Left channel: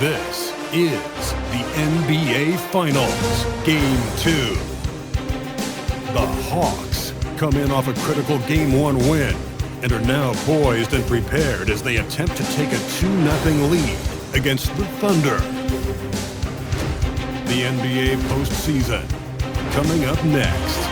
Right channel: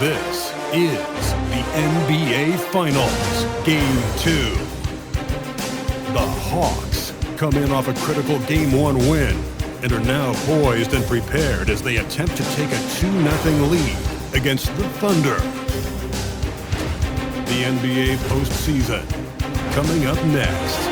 This is the NBA Finals, Game 2. The Hawks come in off a critical Game 1 win and are now poised and prepared as they attempt to take a 2-0 lead against the Thunder. The NBA postseason coming up next.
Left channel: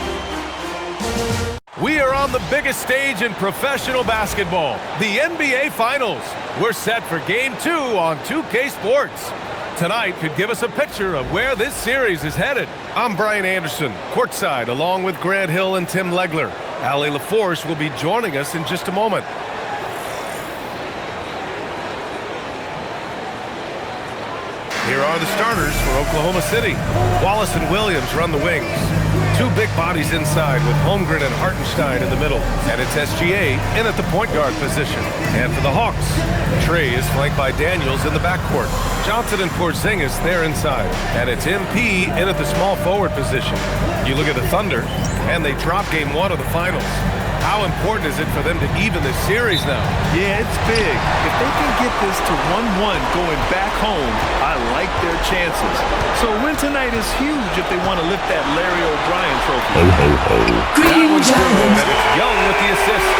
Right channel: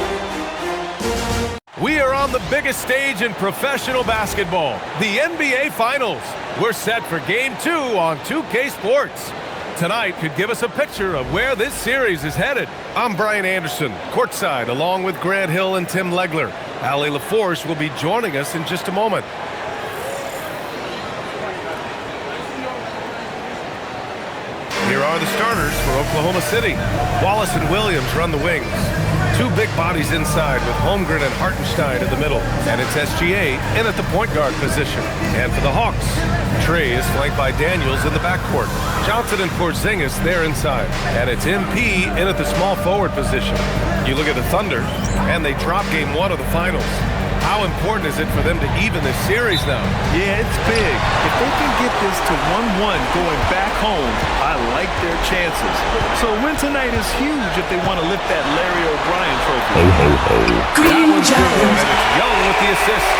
We are on the biggest stage in professional basketball, the NBA Finals. We're set for Game 2 on 2K Sports. Tonight could give us a picture of where this series is headed. I'm Brian Anderson, courtside, along with Grant Hill and Tim Legler. Allie LaForce will be joining us in just a moment. Here are the starters for Oklahoma City. Wallace and Williams run the wings. Two big bodies inside with Holmgren and Hartenstein in the middle. And it's SGA in at the point guard position. And for the Hawks, Trey is flanked by Daniels in the backcourt. Johnson and Porzingis there inside. And it's MP in at the small forward position. You look at the Thunder, and they drop Game 1 of the Finals. How important is it for them to even this series now? Yeah, it's big. If they can get this to 1-1 going back home, I like their chances. So a win tonight is huge if they want to lift that Larry O'Brien trophy. Ho, ho, ho. That one's good, and it's Young with the assist.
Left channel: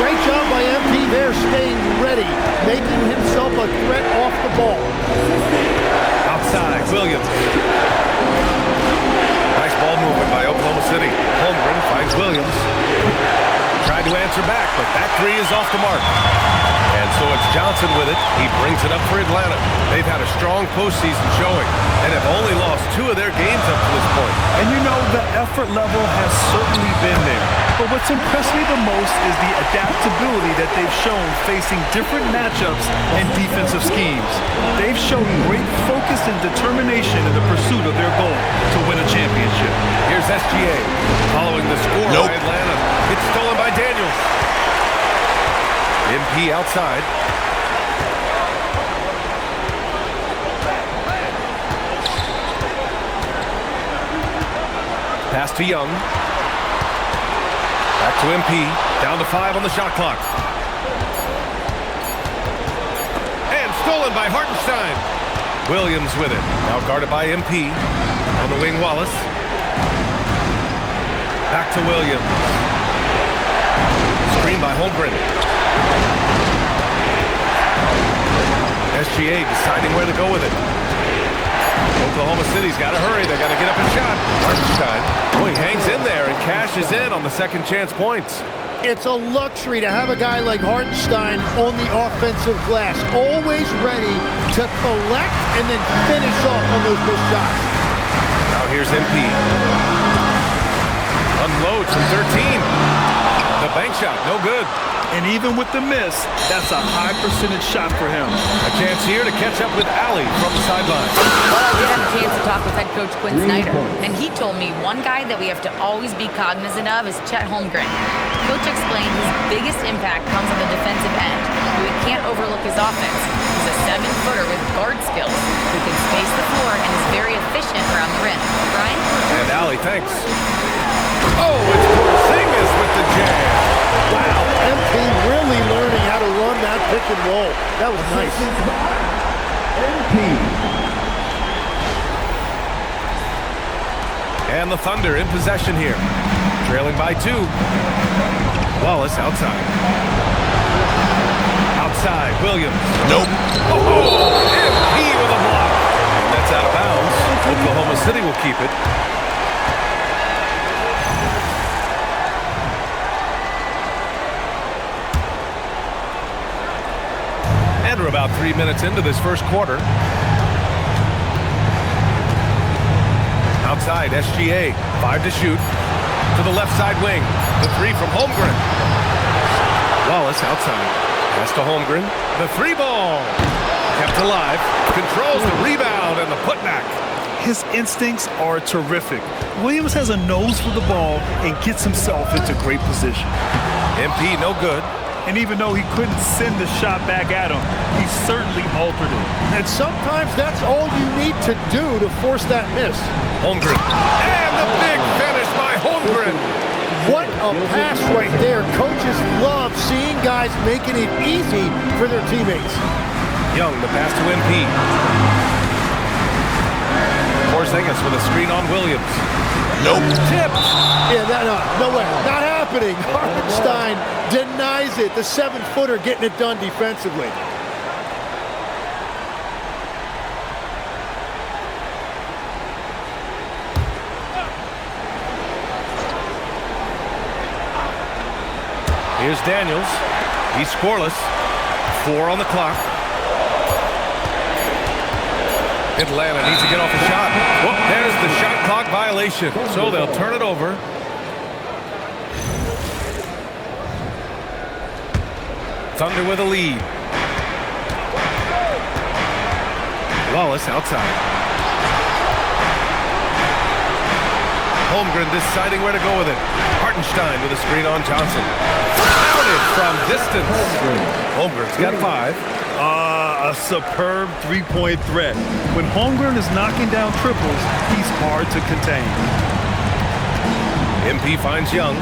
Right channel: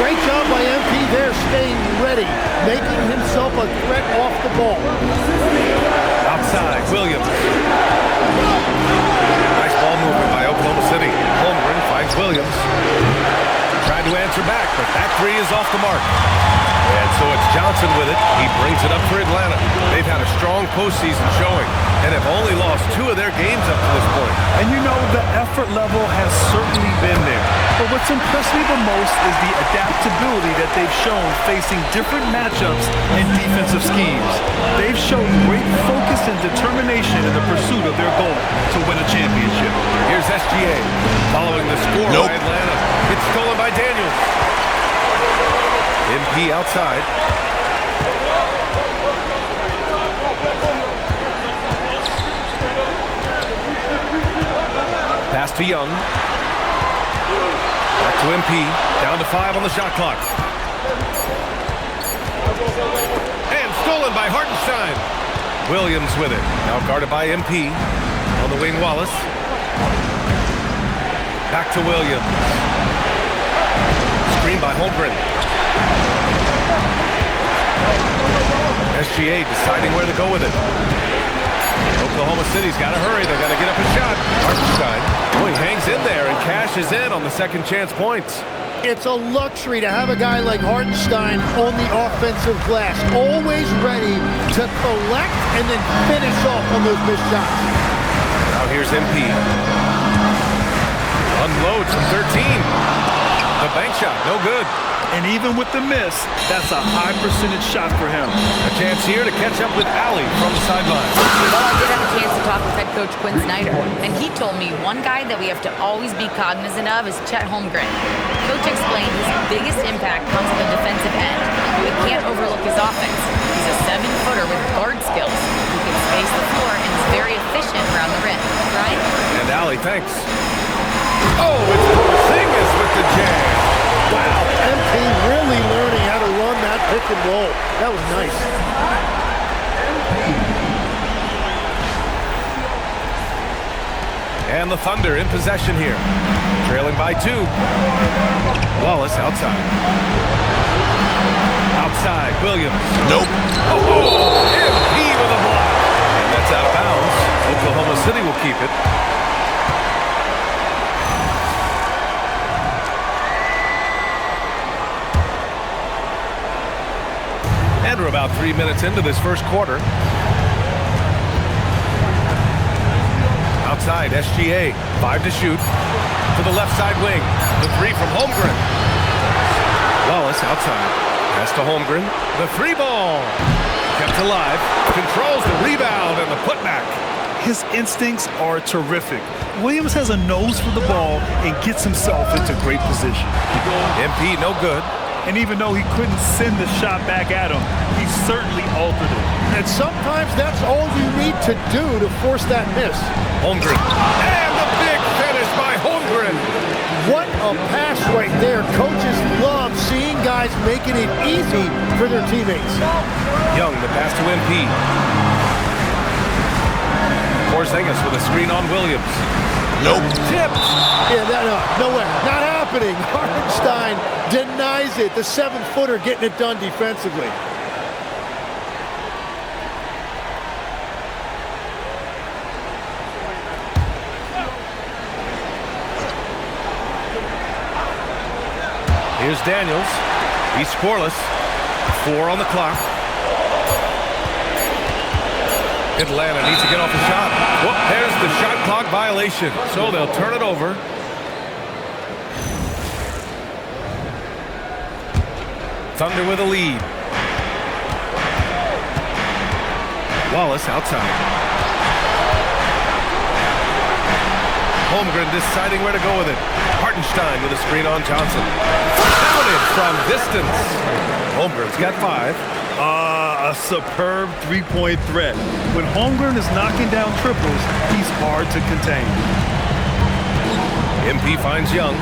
Great job by MP there, staying ready, making himself a threat off the ball. Outside, Williams. Nice ball movement by Oklahoma City. Holmgren finds Williams. Tried to answer back, but that three is off the mark. And so it's Johnson with it. He brings it up for Atlanta. They've had a strong postseason showing and have only lost 2 of their games up to this point. And you know, the effort level has certainly been there. But what's impressed me the most is the adaptability that they've shown facing different matchups and defensive schemes. They've shown great focus and determination in the pursuit of their goal to win a championship. Here's SGA following the score by Atlanta. It's stolen by Daniels. MP outside. Pass to Young. Back to MP. Down to 5 on the shot clock. And stolen by Hartenstein. Williams with it. Now guarded by MP. On the wing, Wallace. Back to Williams. Screen by Holmgren. SGA deciding where to go with it. Oklahoma City's got to hurry. They got to get up a shot. Hartenstein. Oh, he hangs in there and cashes in on the second chance points. It's a luxury to have a guy like Hartenstein on the offensive glass, always ready to collect and then finish off on those missed shots. Now here's MP. Unloads from 13. The bank shot, no good. And even with the miss, that's a high percentage shot for him. A chance here to catch up with Allie from the sideline. Well, I did have a chance to talk with head coach Quinn Snyder, and he told me one guy that we have to always be cognizant of is Chet Holmgren. Coach explained his biggest impact comes on the defensive end, but we can't overlook his offense. He's a 7-footer with guard skills who can space the floor and is very efficient around the rim. Brian? And Allie, thanks. Oh, it's Porzingis the jam. Wow, MP really learning how to run that pick and roll. That was nice. And the Thunder in possession here. Trailing by 2. Wallace outside. Outside, Williams. Nope. Oh, MP with a block. And that's out of bounds. Oklahoma City will keep it. And we're about 3 minutes into this first quarter. Outside, SGA. 5 to shoot. To the left side wing. The 3 from Holmgren. Wallace outside. Pass to Holmgren. The 3 ball. Kept alive. Controls the rebound and the putback. His instincts are terrific. Williams has a nose for the ball and gets himself into great position. MP no good. And even though he couldn't send the shot back at him, he certainly altered it. And sometimes that's all you need to do to force that miss. Holmgren. And the big finish by Holmgren. What a pass right there. Coaches love seeing guys making it easy for their teammates. Young, the pass to MP. Porzingis with a screen on Williams. Nope. Tipped. Yeah, no way. Not happening. Hartenstein denies it. The 7-footer getting it done defensively. Here's Daniels. He's scoreless. 4 on the clock. Atlanta needs to get off a shot. Whoop, there's the shot clock violation. So they'll turn it over. Thunder with a lead. Wallace outside. Holmgren deciding where to go with it. Hartenstein with a screen on Johnson. Counted from distance. Holmgren's got 5. A superb three-point threat. When Holmgren is knocking down triples, he's hard to contain. MP finds Young.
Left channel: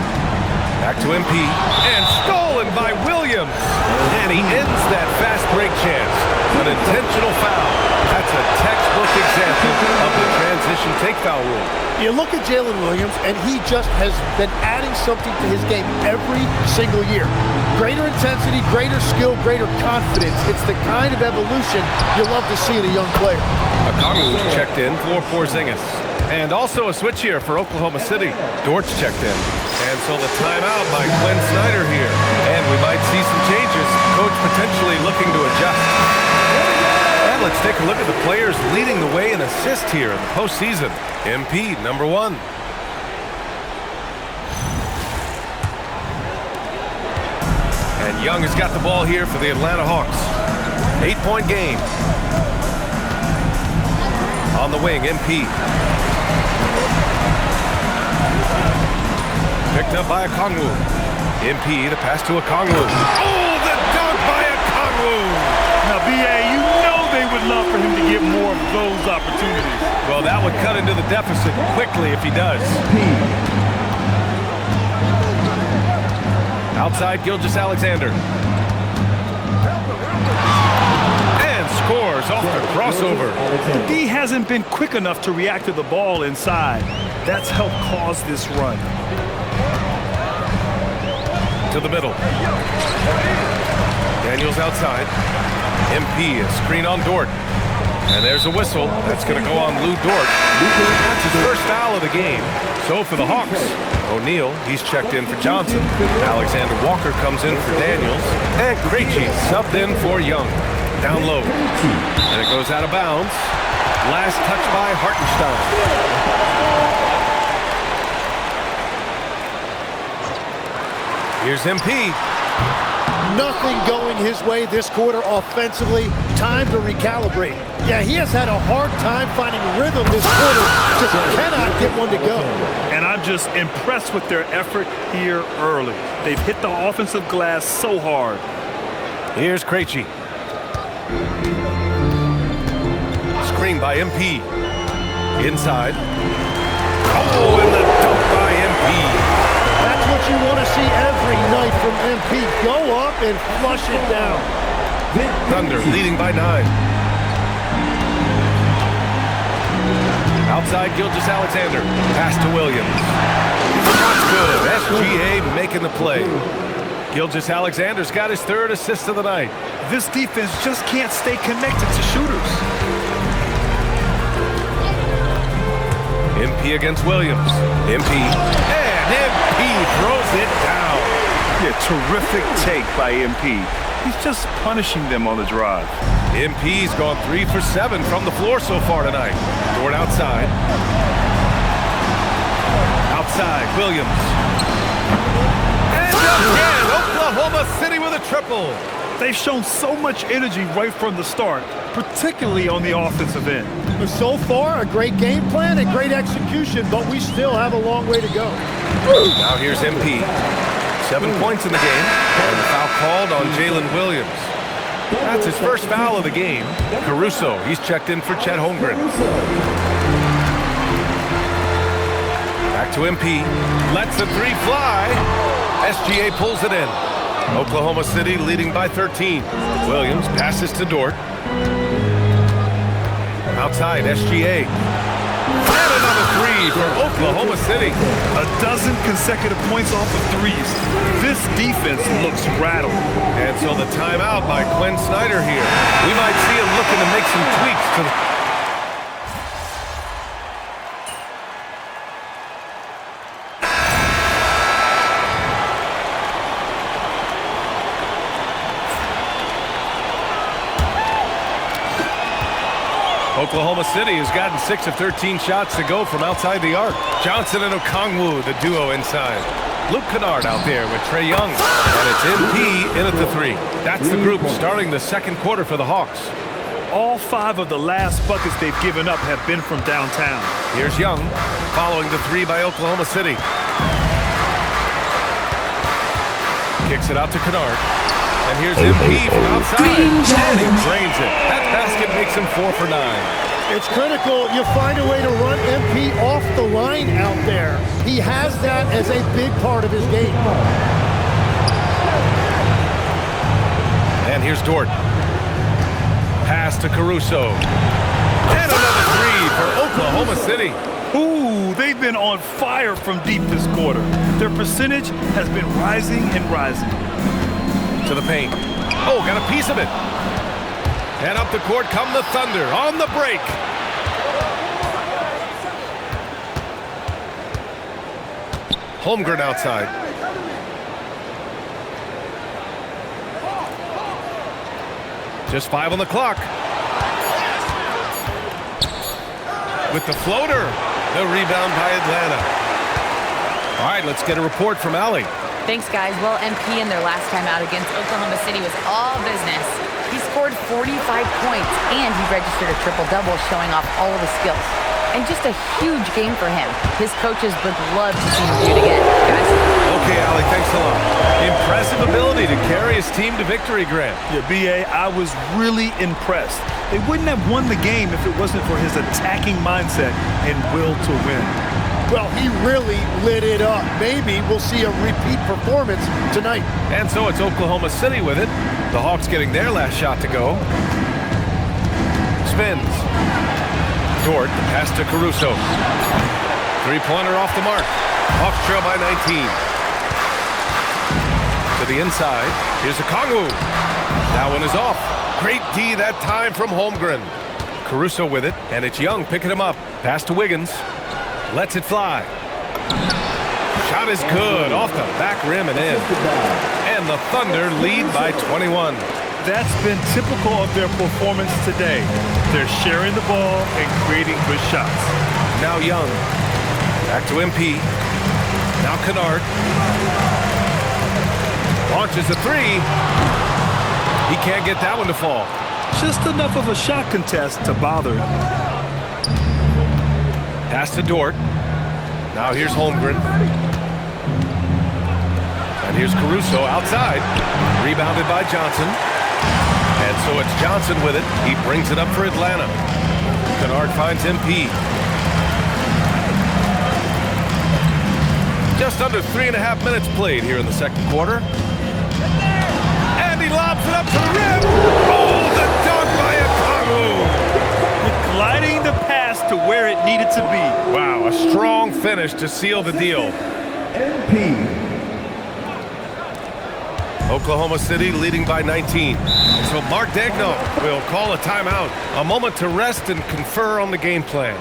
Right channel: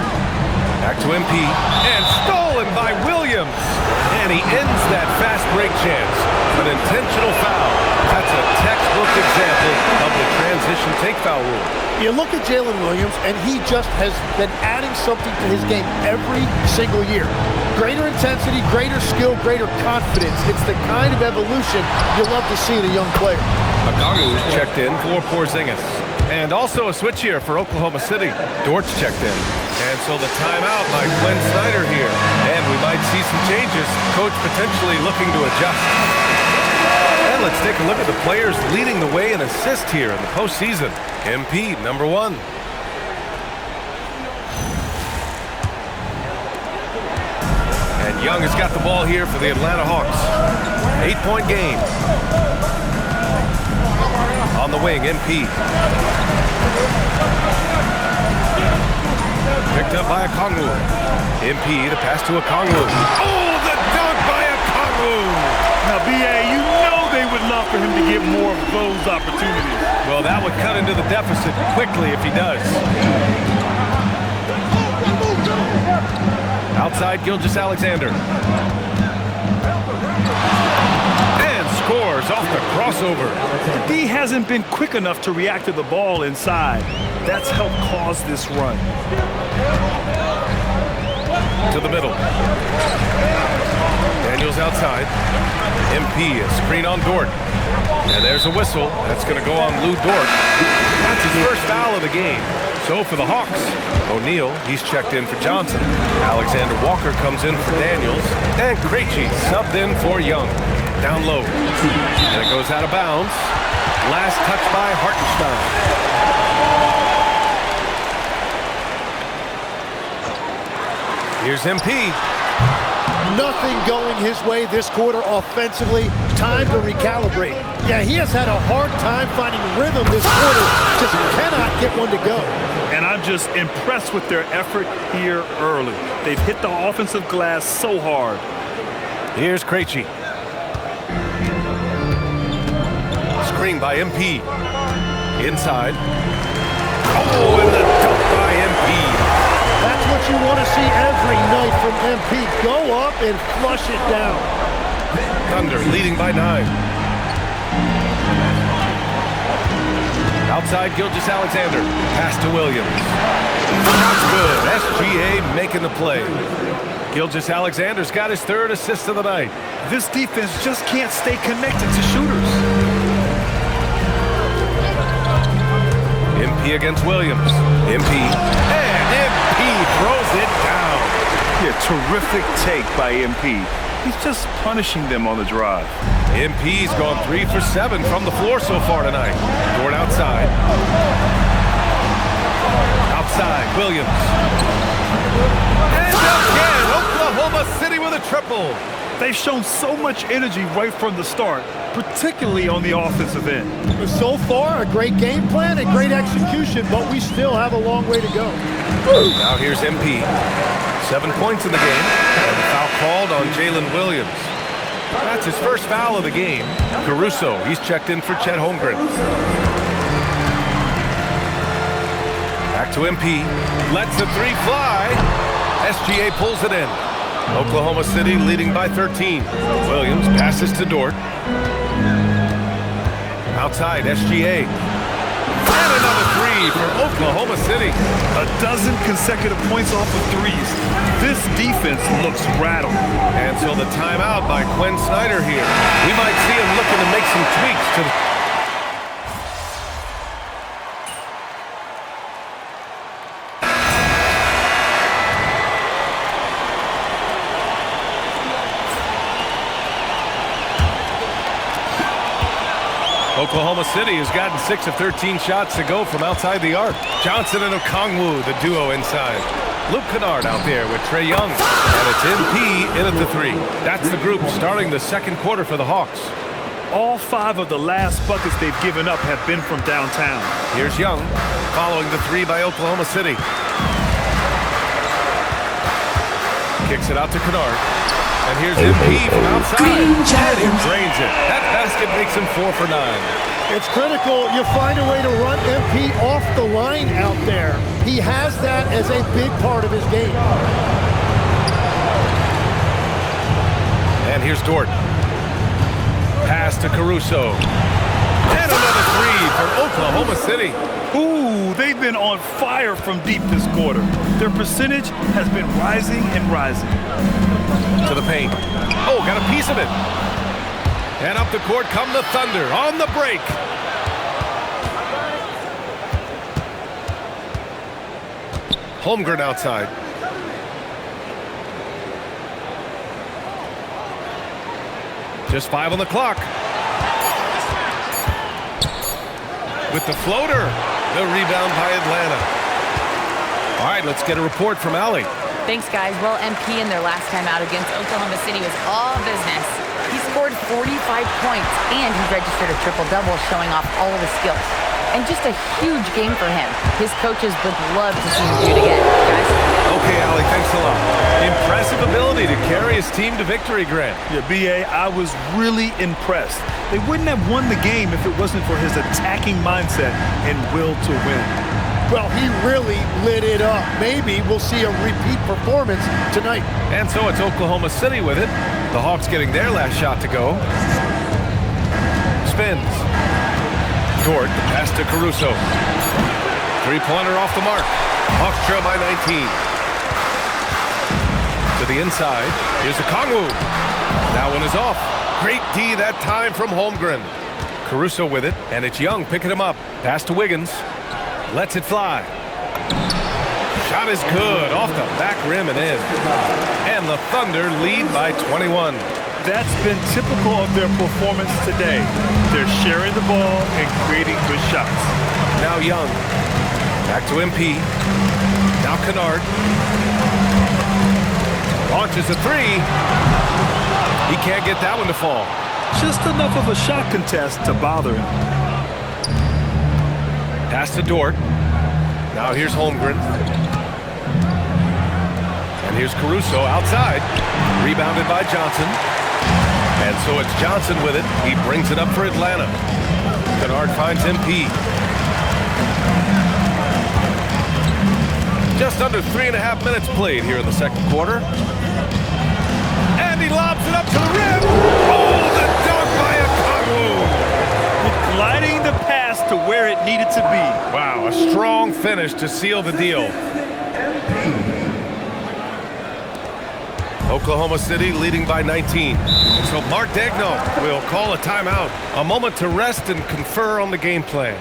Back to MP. And stolen by Williams. And he ends that fast break chance. An intentional foul. That's a textbook example of the transition take foul rule. You look at Jalen Williams, and he just has been adding something to his game every single year. Greater intensity, greater skill, greater confidence. It's the kind of evolution you love to see in a young player. Okongwu's checked in for Porzingis. And also a switch here for Oklahoma City. Dort's checked in. And so the timeout by Quinn Snyder here. And we might see some changes. Coach potentially looking to adjust. And let's take a look at the players leading the way in assists here in the postseason. MP, number 1. And Young has got the ball here for the Atlanta Hawks. 8-point game. On the wing, MP. Picked up by Okongwu. MP, the pass to Okongwu. Oh, the dunk by Okongwu! Now, B.A., you know they would love for him to get more of those opportunities. Well, that would cut into the deficit quickly if he does. Outside, Gilgeous-Alexander. And scores off the crossover. The D hasn't been quick enough to react to the ball inside. That's helped cause this run. To the middle. Daniels outside. MP, a screen on Dort. And there's a whistle. That's going to go on Lou Dort. That's his first foul of the game. So for the Hawks, O'Neal, he's checked in for Johnson. Alexander Walker comes in for Daniels. And Krejci subbed in for Young. Down low. And it goes out of bounds. Last touch by Hartenstein. Here's MP. Nothing going his way this quarter offensively. Time to recalibrate. Yeah, he has had a hard time finding rhythm this quarter. Just cannot get one to go. And I'm just impressed with their effort here early. They've hit the offensive glass so hard. Here's Krejci. Screen by MP. Inside. Oh, and the dunk by MP. That's what what you want to see every night from MP. Go up and flush it down. Thunder leading by 9. Outside Gilgeous-Alexander. Pass to Williams. Shot's good. SGA making the play. Gilgeous-Alexander's got his 3rd assist of the night. This defense just can't stay connected to shooters. MP against Williams. MP. And MP throws it down. Yeah, terrific take by MP. He's just punishing them on the drive. MP's gone 3 for 7 from the floor so far tonight. Dort outside. Outside, Williams. And again, Oklahoma City with a triple. They've shown so much energy right from the start, particularly on the offensive end. So far, a great game plan and great execution, but we still have a long way to go. Now here's MP. 7 points in the game, and the foul called on Jalen Williams. That's his first foul of the game. Caruso, he's checked in for Chet Holmgren. Back to MP. Lets the 3 fly. SGA pulls it in. Oklahoma City leading by 13. Williams passes to Dort. Outside, SGA. And another 3 for Oklahoma City. A dozen consecutive points off of threes. This defense looks rattled. And so the timeout by Quinn Snyder here. We might see him looking to make some tweaks to the... Oklahoma City has gotten 6 of 13 shots to go from outside the arc. Johnson and Okongwu, the duo inside. Luke Kennard out there with Trae Young. And it's MP in at the 3. That's the group starting the second quarter for the Hawks. All 5 of the last buckets they've given up have been from downtown. Here's Young, following the 3 by Oklahoma City. Kicks it out to Kennard. And here's MP from outside, and he drains it. That basket makes him 4 for 9. It's critical you find a way to run MP off the line out there. He has that as a big part of his game. And here's Dort. Pass to Caruso. And another 3 for Oklahoma City. Ooh, they've been on fire from deep this quarter. Their percentage has been rising and rising. To the paint. Oh, got a piece of it. And up the court come the Thunder on the break. Holmgren outside. Just 5 on the clock. With the floater. The rebound by Atlanta. All right, let's get a report from Allie. Thanks, guys. Well, MP in their last time out against Oklahoma City was all business. He scored 45 points, and he registered a triple-double, showing off all of his skills. And just a huge game for him. His coaches would love to see him do it again. Guys? Okay, Allie, thanks a lot. Impressive ability to carry his team to victory, Grant. Yeah, B.A., I was really impressed. They wouldn't have won the game if it wasn't for his attacking mindset and will to win. Well, he really lit it up. Maybe we'll see a repeat performance tonight. And so it's Oklahoma City with it. The Hawks getting their last shot to go. Spins. Dort, the pass to Caruso. 3-pointer off the mark. Hawks trail by 19. To the inside. Here's Okongwu. That one is off. Great D that time from Holmgren. Caruso with it, and it's Young picking him up. Pass to Wiggins. Lets it fly. Shot is good, off the back rim and in. And the Thunder lead by 21. That's been typical of their performance today. They're sharing the ball and creating good shots. Now Young. Back to MP. Now Kennard. Launches a 3. He can't get that one to fall. Just enough of a shot contest to bother him. Pass to Dort. Now here's Holmgren. And here's Caruso outside. Rebounded by Johnson. And so it's Johnson with it. He brings it up for Atlanta. Kennard finds MP. Just under 3.5 minutes played here in the second quarter. And he lobs it up to the rim. Oh, the dunk by Okongwu. Gliding the pass to where it needed to be. Wow, a strong finish to seal the deal. Oklahoma City leading by 19. And so Mark Daigneault will call a timeout. A moment to rest and confer on the game plan.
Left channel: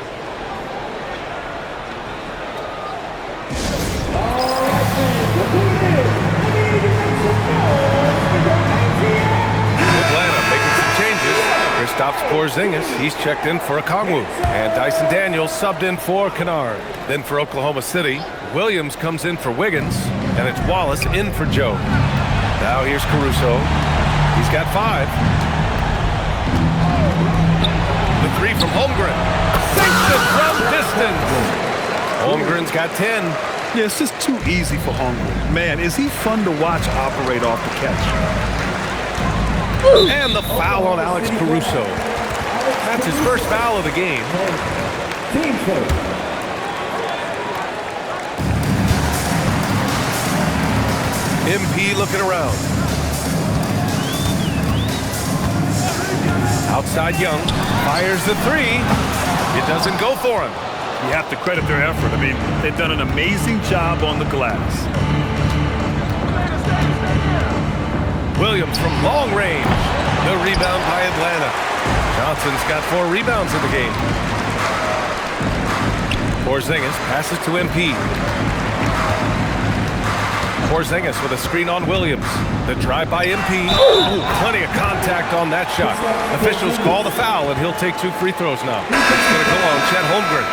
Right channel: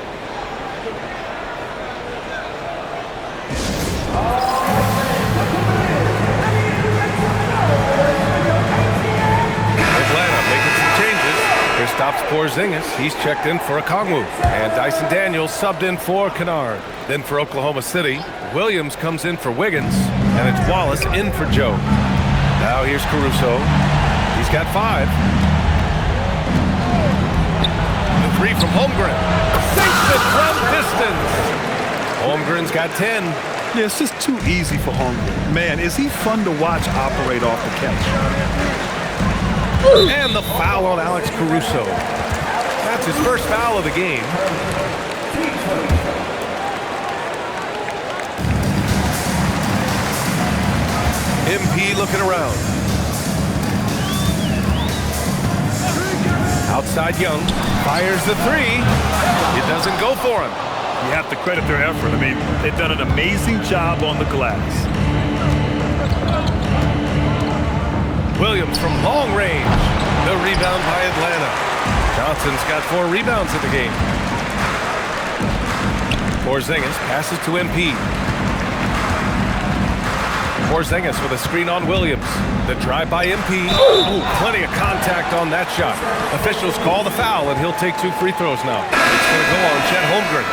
Atlanta making some changes. Kristaps Porzingis, he's checked in for Okongwu. And Dyson Daniels subbed in for Kennard. Then for Oklahoma City, Williams comes in for Wiggins. And it's Wallace in for Joe. Now here's Caruso. He's got 5. The 3 from Holmgren. Sinks it from distance. Holmgren's got 10. Yeah, it's just too easy for Holmgren. Man, is he fun to watch operate off the catch. And the foul on Alex Caruso. That's his first foul of the game. MP looking around. Outside Young. Fires the 3. It doesn't go for him. You have to credit their effort. I mean, they've done an amazing job on the glass. Williams from long range. The rebound by Atlanta. Johnson's got 4 rebounds in the game. Porzingis passes to MP. Porzingis with a screen on Williams. The drive by MP. Ooh, plenty of contact on that shot. Officials call the foul, and he'll take 2 free throws now. It's going to go on Chet Holmgren.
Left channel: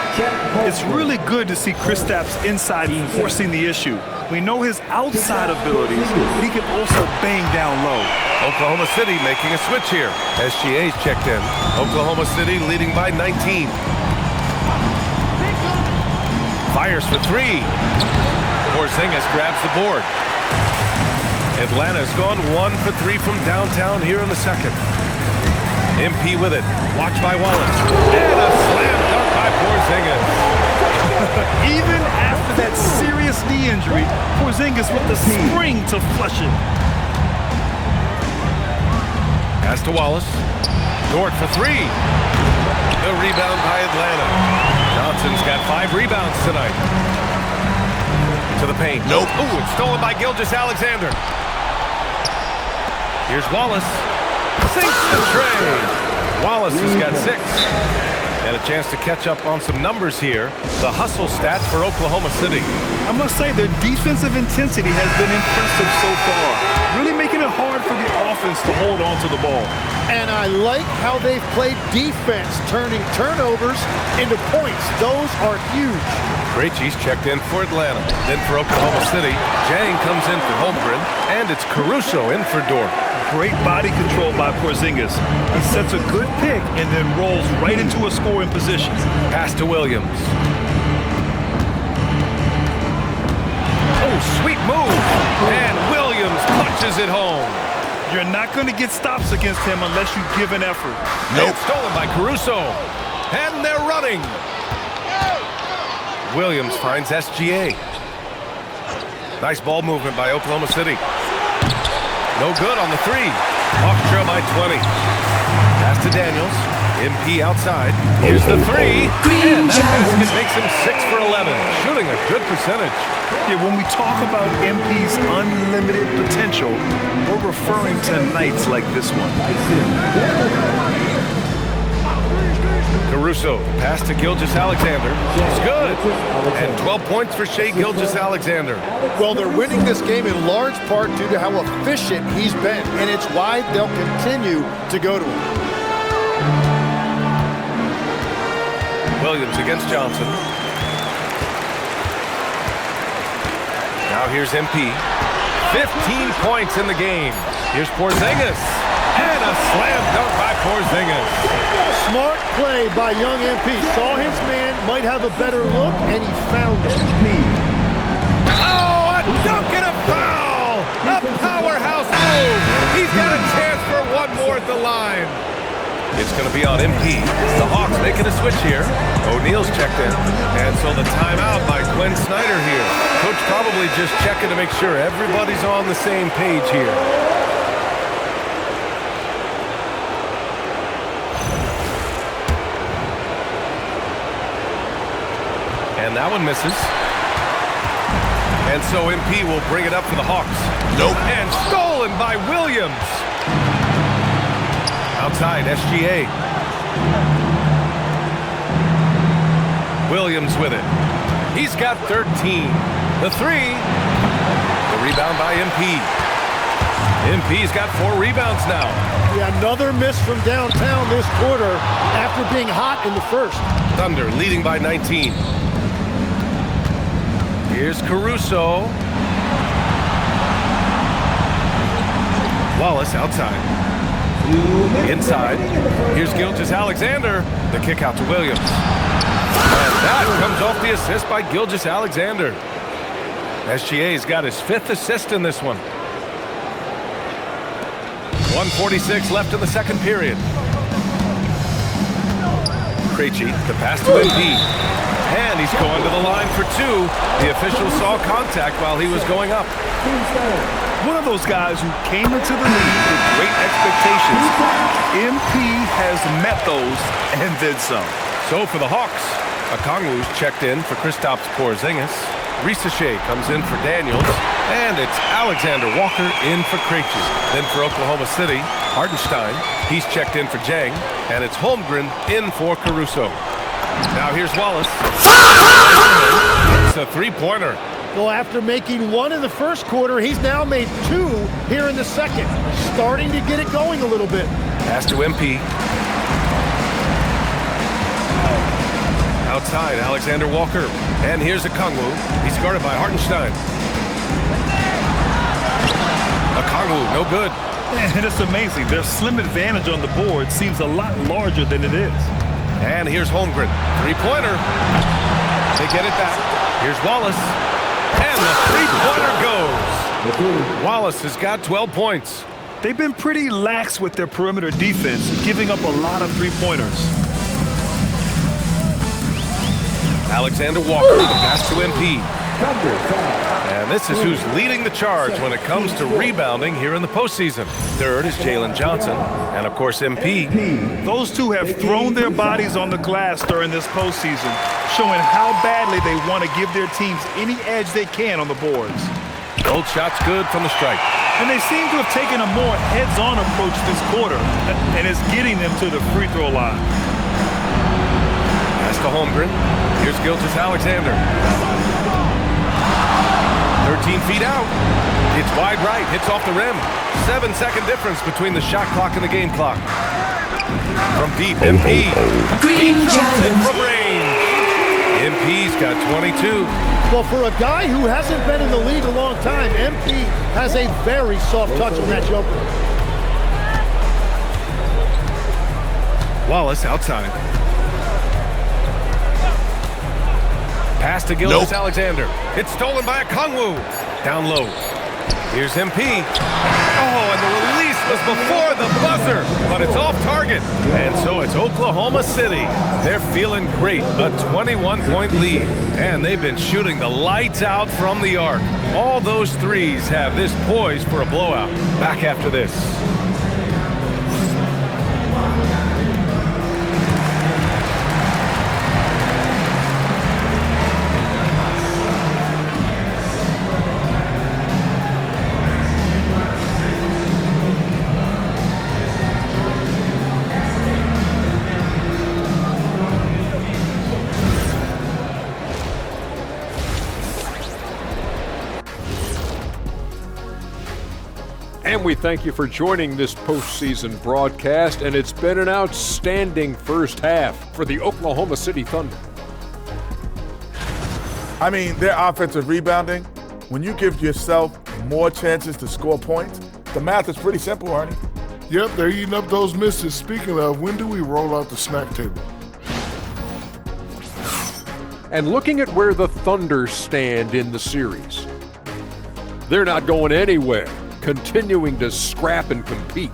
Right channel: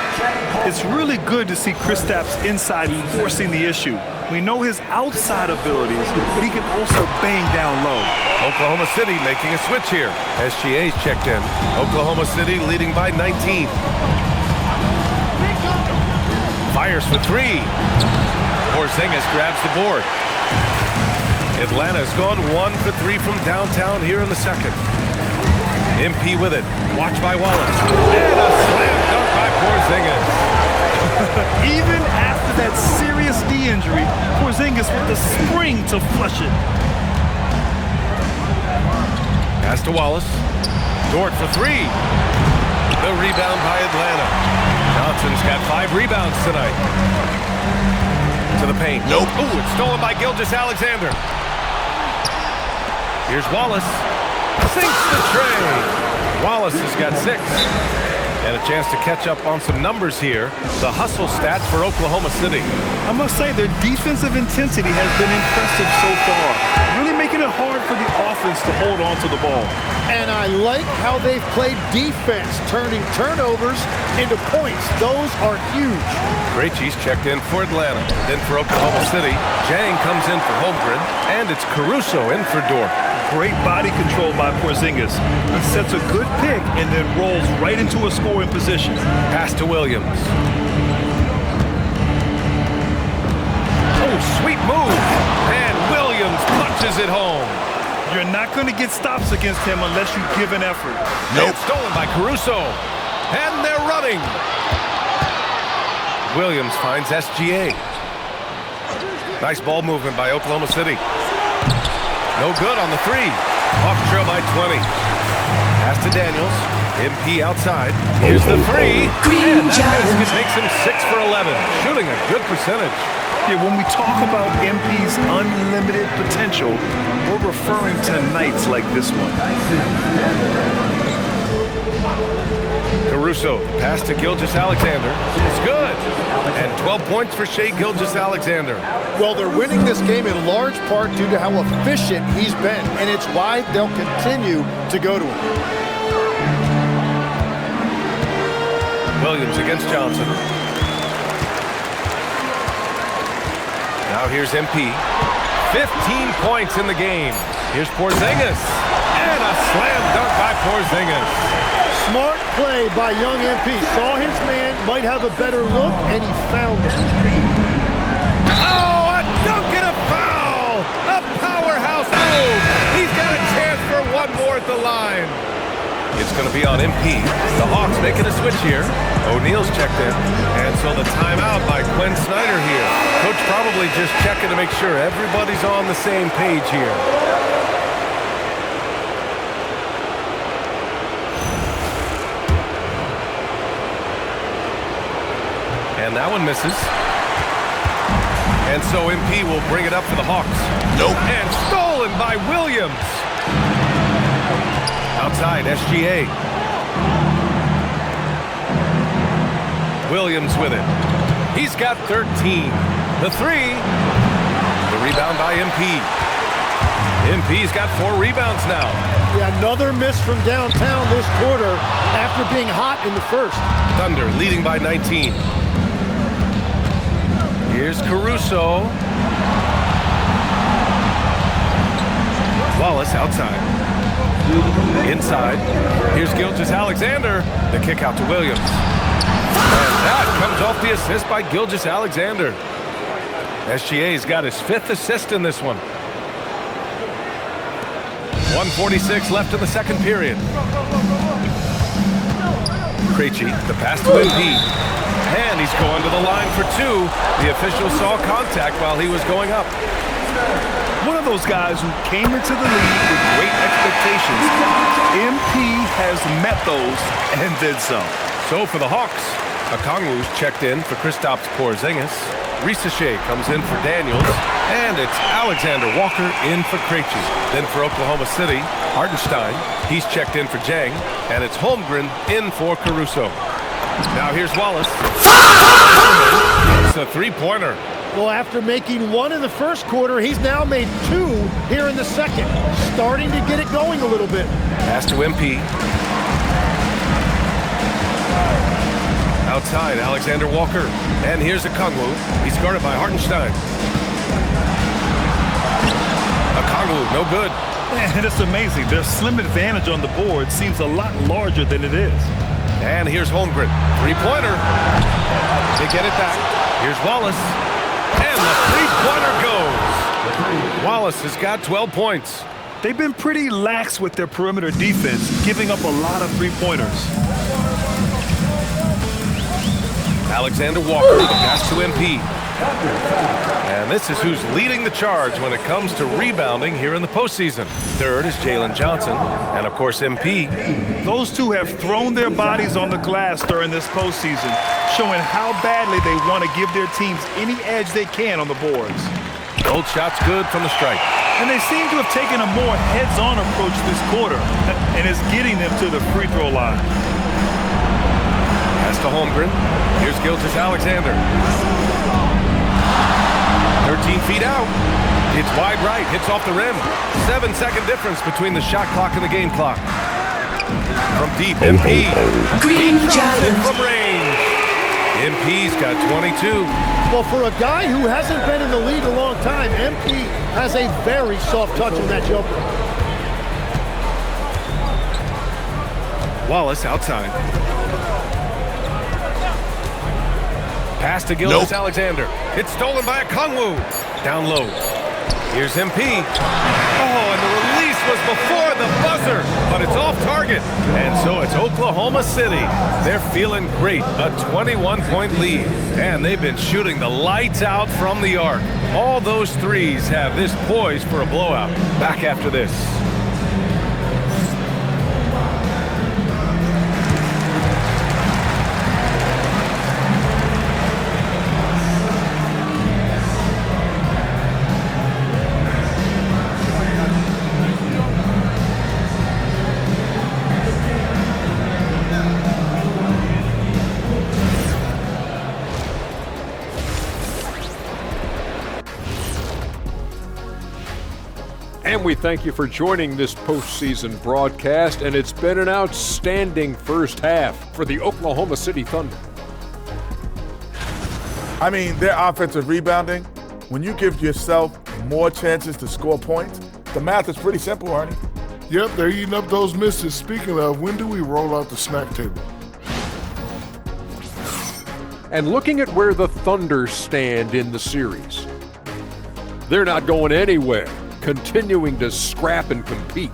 It's really good to see Kristaps inside forcing the issue. We know his outside abilities, but he can also bang down low. Oklahoma City making a switch here. SGA's checked in. Oklahoma City leading by 19. Fires for 3. Porzingis grabs the board. Atlanta's gone 1 for 3 from downtown here in the second. MP with it. Watched by Wallace. And a slam dunk by Porzingis. Even after that serious knee injury, Porzingis with the spring to flush it. Pass to Wallace. Dort for 3. The rebound by Atlanta. Johnson's got 5 rebounds tonight. To the paint. Nope. Ooh, it's stolen by Gilgeous-Alexander. Here's Wallace. Sinks the tray. Wallace has got 6. And a chance to catch up on some numbers here. The hustle stats for Oklahoma City. I must say their defensive intensity has been impressive so far. Really making it hard for the offense to hold on to the ball. And I like how they've played defense, turning turnovers into points. Those are huge. Krejci's checked in for Atlanta. Then for Oklahoma City, Jang comes in for Holmgren. And it's Caruso in for Dort. Great body control by Porzingis. He sets a good pick and then rolls right into a scoring position. Pass to Williams. Oh, sweet move. And Williams punches it home. You're not going to get stops against him unless you give an effort. Nope. Stolen by Caruso. And they're running. Williams finds SGA. Nice ball movement by Oklahoma City. No good on the 3. Hawks trail by 20. Pass to Daniels. MP outside. Here's the 3. And that basket makes him 6 for 11. Shooting a good percentage. Yeah, when we talk about MP's unlimited potential, we're referring to nights like this one. Caruso, pass to Gilgeous-Alexander. It's good. And 12 points for Shai Gilgeous-Alexander. Well, they're winning this game in large part due to how efficient he's been, and it's why they'll continue to go to him. Williams against Johnson. Now here's MP. 15 points in the game. Here's Porzingis. And a slam dunk by Porzingis. Smart play by young MP. Saw his man might have a better look, and he found it. Oh, a dunk and a foul! A powerhouse move! He's got a chance for 1 more at the line. It's going to be on MP. The Hawks making a switch here. O'Neal's checked in. And so the timeout by Quinn Snyder here. Coach probably just checking to make sure everybody's on the same page here. And that one misses. And so MP will bring it up for the Hawks. Nope. And stolen by Williams. Outside, SGA. Williams with it. He's got 13. The three. The rebound by MP. MP's got 4 rebounds now. Yeah, another miss from downtown this quarter after being hot in the first. Thunder leading by 19. Here's Caruso. Wallace outside. Inside. Here's Gilgeous-Alexander. The kick out to Williams. And that comes off the assist by Gilgeous-Alexander. SGA's got his 5th assist in this one. 1:46 left in the second period. Krejci, the pass to MP. And he's going to the line for 2. The official saw contact while he was going up. One of those guys who came into the league with great expectations. MP has met those and then some. So for the Hawks, Okongwu's checked in for Kristaps Porzingis. Risache comes in for Daniels. And it's Alexander Walker in for Krejci. Then for Oklahoma City, Hartenstein. He's checked in for Jang. And it's Holmgren in for Caruso. Now here's Wallace. It's a 3-pointer. Well, after making 1 in the first quarter, he's now made 2 here in the second. Starting to get it going a little bit. Pass to MP. Outside, Alexander Walker. And here's Okongwu. He's guarded by Hartenstein. Okongwu, no good. And it's amazing. Their slim advantage on the board seems a lot larger than it is. And here's Holmgren. 3-pointer. They get it back. Here's Wallace. And the 3-pointer goes. Wallace has got 12 points. They've been pretty lax with their perimeter defense, giving up a lot of 3-pointers. Alexander Walker, the pass to MP. And this is who's leading the charge when it comes to rebounding here in the postseason. Third is Jalen Johnson, and of course MP. Those two have thrown their bodies on the glass during this postseason, showing how badly they want to give their teams any edge they can on the boards. Both shots good from the stripe. And they seem to have taken a more heads-on approach this quarter, and it's getting them to the free throw line. Pass to Holmgren. Here's Gilgeous-Alexander. 13 feet out. It's wide right, hits off the rim. 7-second difference between the shot clock and the game clock. From deep, MP. Green He drops it Giants. from range. MP's got 22. Well, for a guy who hasn't been in the league a long time, MP has a very soft touch on that jumper. Wallace outside. Pass to Gilgeous-Alexander. It's stolen by Okongwu. Down low. Here's MP. Oh, and the release was before the buzzer, but it's off target. And so it's Oklahoma City. They're feeling great. A 21-point lead. And they've been shooting the lights out from the arc. All those threes have this poised for a blowout. Back after this. And we thank you for joining this postseason broadcast, and it's been an outstanding first half for the Oklahoma City Thunder. I mean, their offensive rebounding, when you give yourself more chances to score points, the math is pretty simple, Arnie. Yep, they're eating up those misses. Speaking of, when do we roll out the snack table? And looking at where the Thunder stand in the series, they're not going anywhere, continuing to scrap and compete.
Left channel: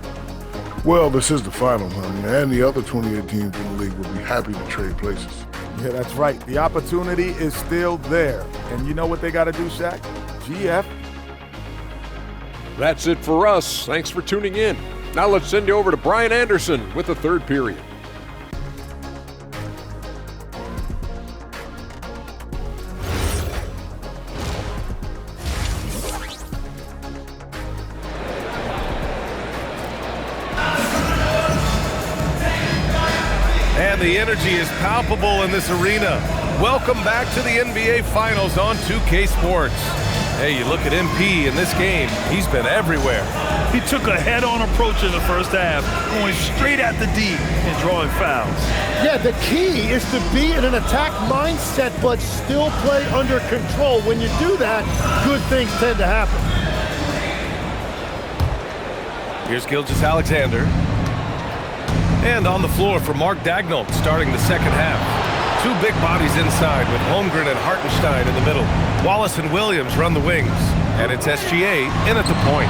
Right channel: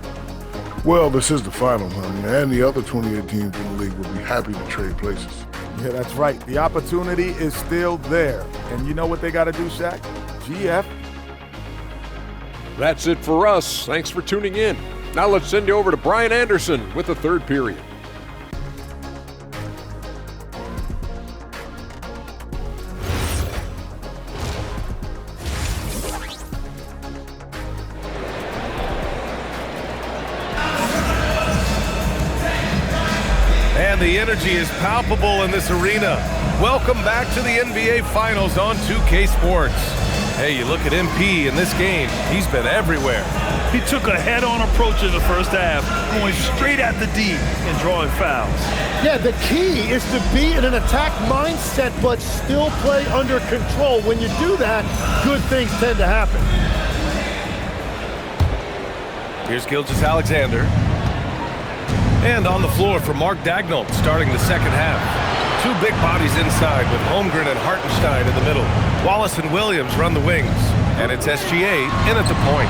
Well, this is the final, honey, and the other 28 teams in the league will be happy to trade places. Yeah, that's right. The opportunity is still there. And you know what they got to do, Shaq? GF. That's it for us. Thanks for tuning in. Now let's send you over to Brian Anderson with the third period. And the energy is palpable in this arena. Welcome back to the NBA Finals on 2K Sports. Hey, you look at MP in this game, he's been everywhere. He took a head-on approach in the first half, going straight at the D and drawing fouls. Yeah, the key is to be in an attack mindset but still play under control. When you do that, good things tend to happen. Here's Gilgeous-Alexander. And on the floor for Mark Daigneault starting the second half. Two big bodies inside with Holmgren and Hartenstein in the middle. Wallace and Williams run the wings. And it's SGA in at the point.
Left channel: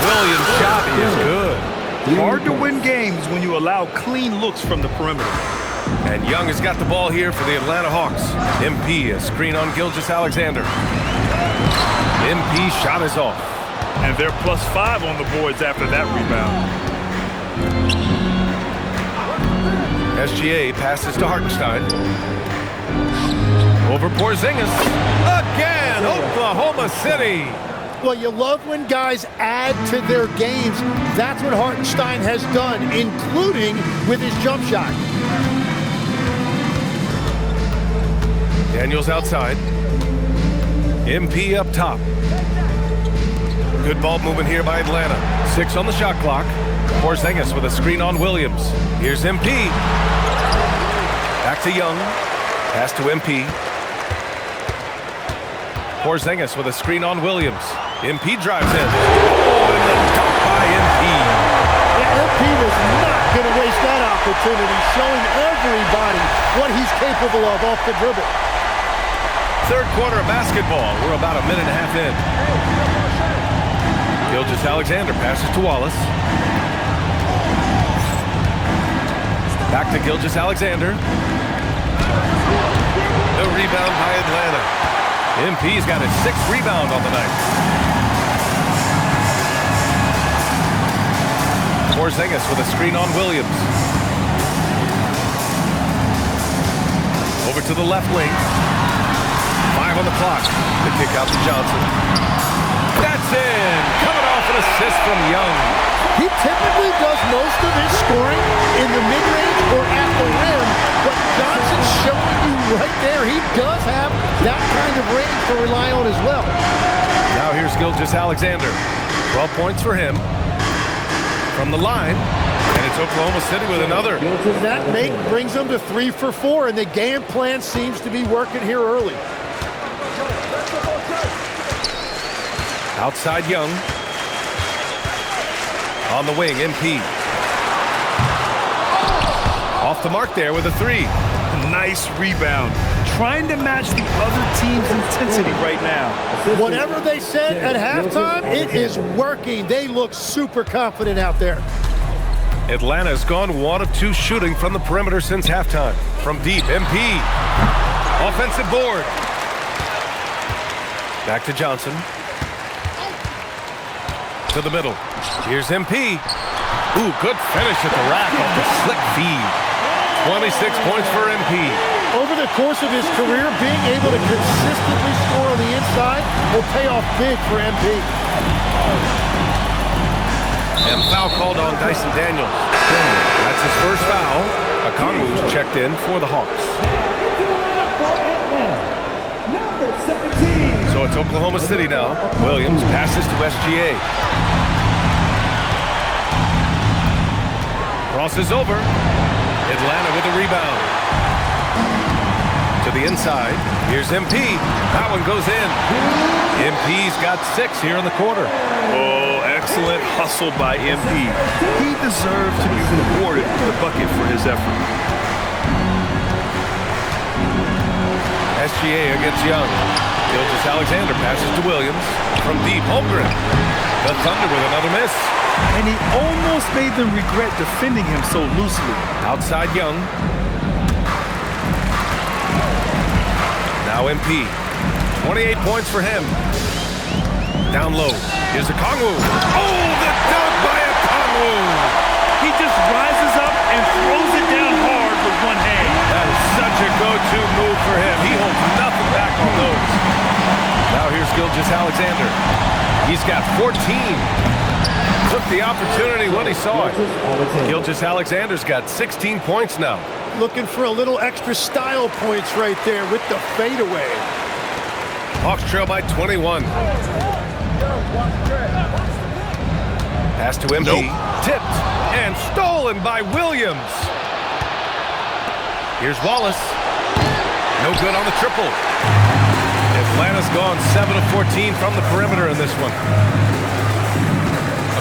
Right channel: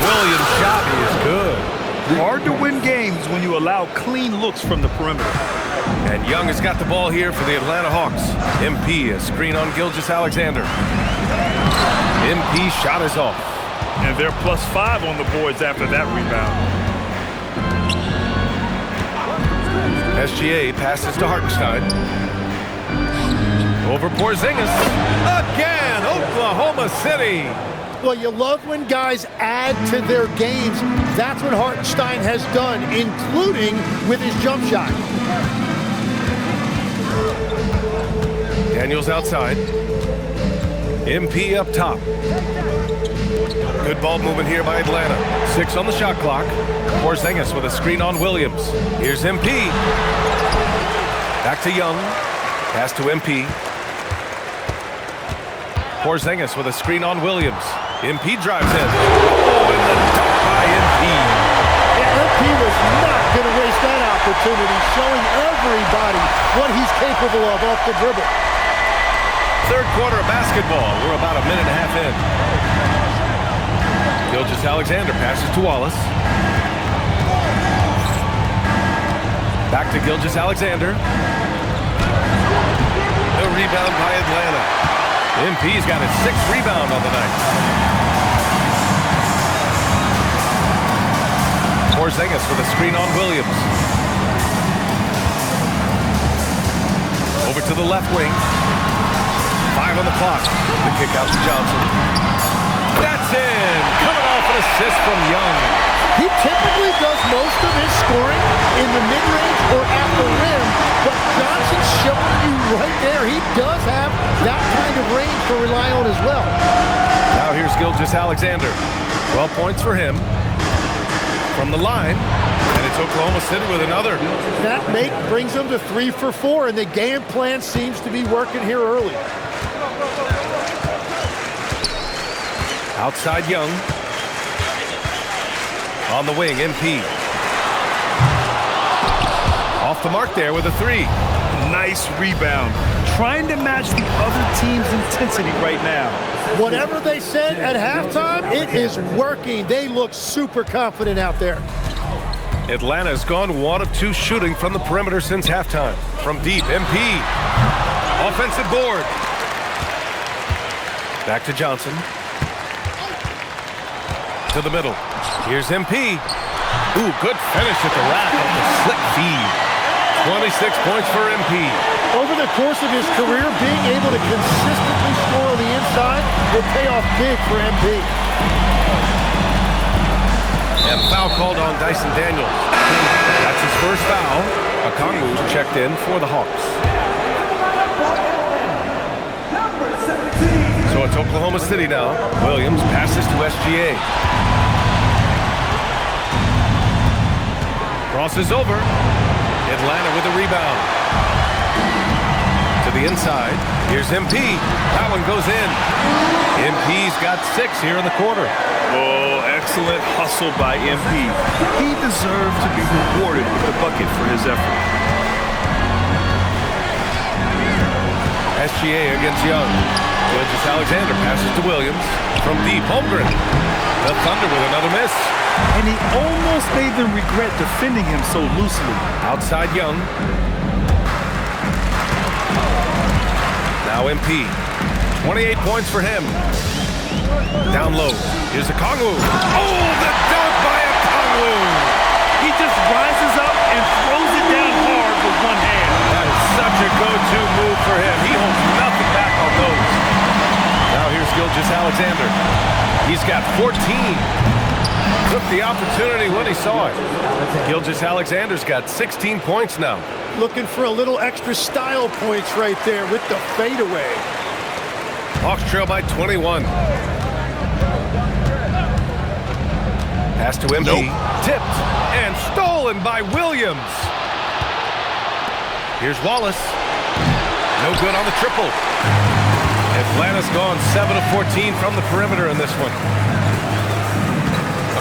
Williams' shot is good. Hard to win games when you allow clean looks from the perimeter. And Young has got the ball here for the Atlanta Hawks. MP, a screen on Gilgeous-Alexander. MP shot is off. And they're +5 on the boards after that rebound. SGA passes to Hartenstein. Over Porzingis. Again, Oklahoma City. Well, you love when guys add to their games. That's what Hartenstein has done, including with his jump shot. Daniels outside. MP up top. Good ball movement here by Atlanta. 6 on the shot clock. Porzingis with a screen on Williams. Here's MP. Back to Young. Pass to MP. Porzingis with a screen on Williams. MP drives in. Oh, and the dunk by MP. Yeah, MP was not going to waste that opportunity, showing everybody what he's capable of off the dribble. Third quarter of basketball. We're about a minute and a half in. Gilgeous-Alexander passes to Wallace. Back to Gilgeous-Alexander. The rebound by Atlanta. MP's got his 6th rebound on the night. Porzingis with a screen on Williams. Over to the left wing. 5 on the clock. The kick out to Johnson. That's in! Coming off an assist from Young. He typically does most of his scoring in the mid-range or at the rim, but Johnson's showing you right there he does have that kind of range to rely on as well. Now here's Gilgeous-Alexander. 12 points for him. From the line, and it's Oklahoma City with another. That make brings them to 3 for 4, and the game plan seems to be working here early. Outside Young. On the wing, MP. Off the mark there with a 3. Nice rebound. Trying to match the other team's intensity right now. Whatever they said at halftime, it is working. They look super confident out there. Atlanta's gone 1 of 2 shooting from the perimeter since halftime. From deep, MP. Offensive board. Back to Johnson. To the middle. Here's MP. Ooh, good finish at the rack off the slick feed. 26 points for MP. Over the course of his career, being able to consistently score on the inside will pay off big for MP. And foul called on Dyson Daniels. That's his first foul. Okongwu's checked in for the Hawks. So it's Oklahoma City now. Williams passes to SGA. Crosses over. Atlanta with a rebound. To the inside. Here's MP. That one goes in. MP's got 6 here in the quarter. Oh, excellent hustle by MP. He deserved to be rewarded with the bucket for his effort. SGA against Young. Gilgeous-Alexander passes to Williams. From deep, Holmgren. The Thunder with another miss. And he almost made them regret defending him so loosely. Outside Young. Now MP. 28 points for him. Down low. Here's Okongwu. Oh, the dunk by Okongwu. He just rises up and throws it down hard with one hand. That is such a go-to move for him. He holds nothing back on those. Now here's Gilgeous-Alexander. He's got 14. Took the opportunity when he saw it. Gilgeous-Alexander's got 16 points now. Looking for a little extra style points right there with the fadeaway. Hawks trail by 21. Pass to MP. Nope. Tipped and stolen by Williams. Here's Wallace. No good on the triple. Atlanta's gone 7 of 14 from the perimeter in this one.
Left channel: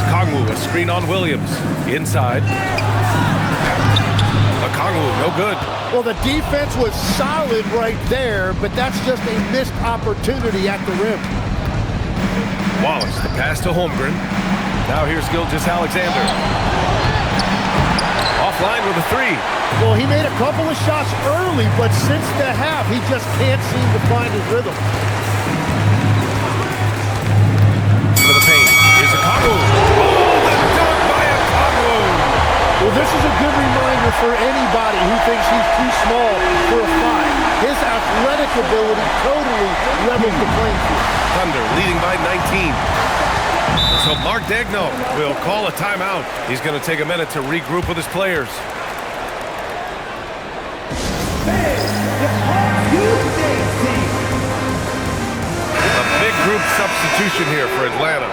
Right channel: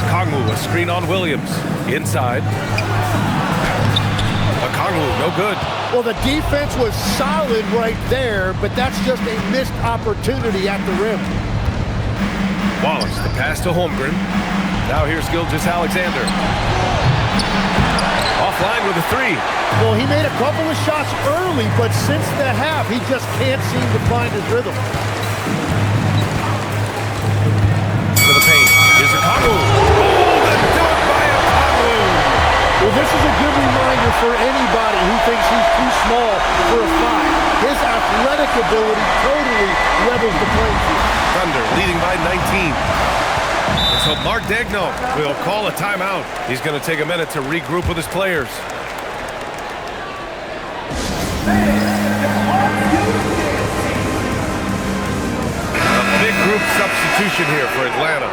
Okongwu, a screen on Williams. Inside. Okongwu, no good. Well, the defense was solid right there, but that's just a missed opportunity at the rim. Wallace, the pass to Holmgren. Now here's Gilgeous-Alexander. Offline with a three. Well, he made a couple of shots early, but since the half, he just can't seem to find his rhythm. To the paint. Here's Okongwu. Oh, the dunk by Okongwu. Well, this is a good reminder for anybody who thinks he's too small for a 5. His athletic ability totally levels the playing field. Thunder leading by 19. And so Mark Daigneault will call a timeout. He's going to take a minute to regroup with his players. A big group substitution here for Atlanta.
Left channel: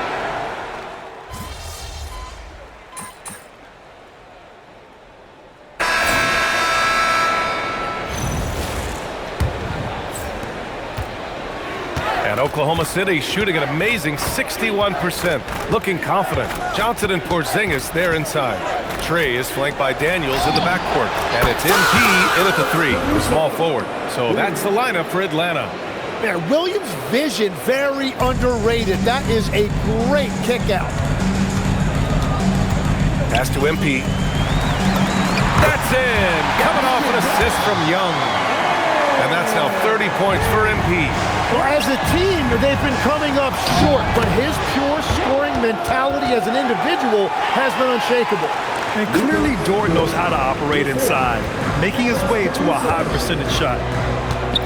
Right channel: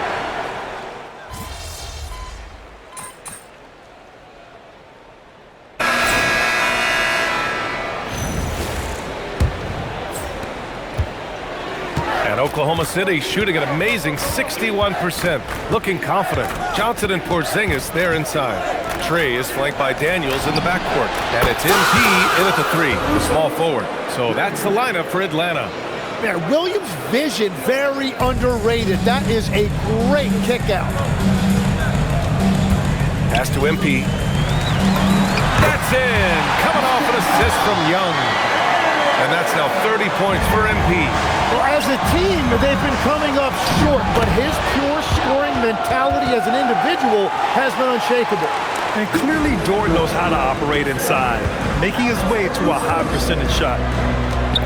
And Oklahoma City shooting an amazing 61%, looking confident. Johnson and Porzingis, they're inside. Trey is flanked by Daniels in the backcourt. And it's MP in at the 3, the small forward. So that's the lineup for Atlanta. Man, Williams' vision, very underrated. That is a great kick out. Pass to MP. That's in! Coming off an assist from Young. And that's now 30 points for MP. Well, as a team, they've been coming up short, but his pure scoring mentality as an individual has been unshakable. And clearly Dort knows how to operate inside, making his way to a high percentage shot.